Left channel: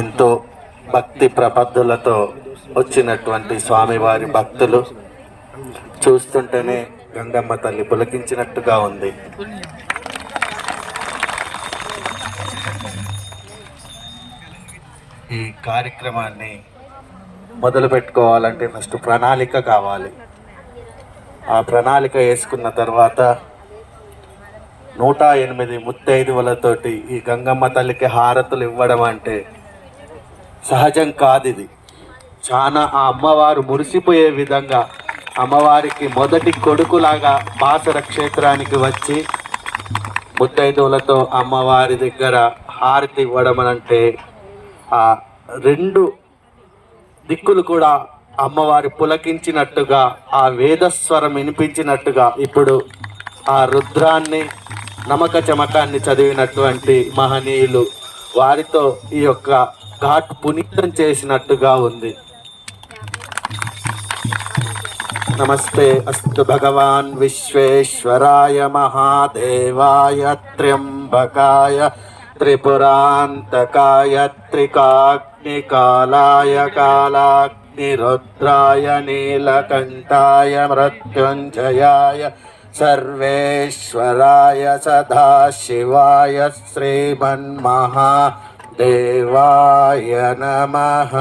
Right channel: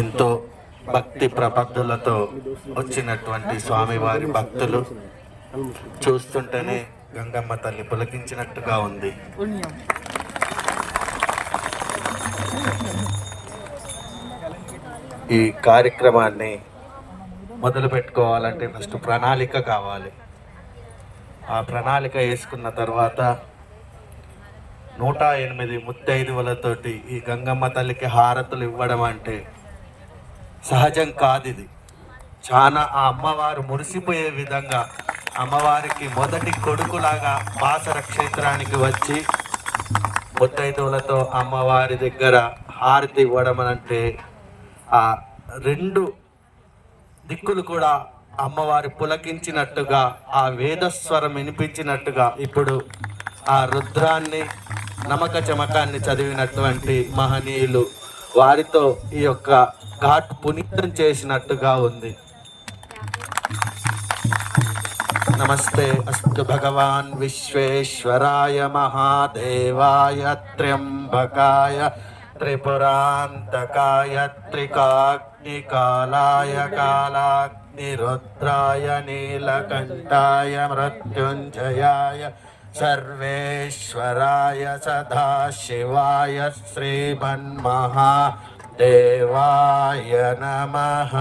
ఎంతో భక్తి ప్రపత్తులతో వచ్చినటువంటి స్వామివారి భక్తులు చూస్తుంటేనే గంగమ్మ తల్లి పులకించినట్టుగా ఉంది. ఈ కార్యక్రమాన్ని మొదలు పెట్టుకోవాలంటే ఫస్ట్ ప్రణాళిక కావాలి. ఆ ప్రణాళిక వేసుకున్న తర్వాత 108 ముత్తైదువులతోటి ఈ గంగమ్మ తల్లికి హారతులు ఇవ్వడం అంటే సహజం కాదు. ఇది చాలా ఆ అమ్మవారు మురిసిపోయే విధంగా అమ్మవారికి మొదటి కొడుకులాగా బాసర క్షేత్రానికి వచ్చి ముత్తైదువులతో అమ్మవారి దగ్గర హారతి ఇవ్వడం అంటే ఆ రెండు దిక్కులు కూడా అమ్మవారి పులకించినట్టుగా, ఆ వేదస్వరం వినిపించినట్టుగా ఇప్పుడు ఆ రుద్రాన్ని నమక చమకాన్ని చదివినటువంటి మహనీయులు వారితో ఈ యొక్క ఘాట్ పునీతం చేసినట్టుగా ఉంది. నమస్తే అస్తు భగవాన్ విశ్వేశ్వరాయ మహాదేవాయ త్ర్యంబకాయ త్రిపురాంతకాయ త్రికాగ్నికాలాయ కాలాగ్నిరుద్రాయ నీలకంఠాయ మృత్యుంజయాయ సర్వేశ్వరాయ సదాశివాయ శ్రీమన్మహాదేవాయ నమః.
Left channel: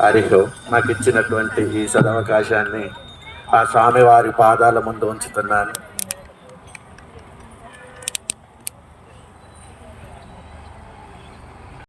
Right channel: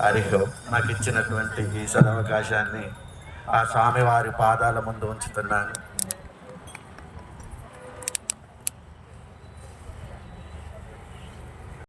హరిహో నాకు ఇచ్చినటువంటి ఈ సదవకాశాన్ని ఆ స్వామివారి పాదాల ముందు ఉంచుతున్నాను.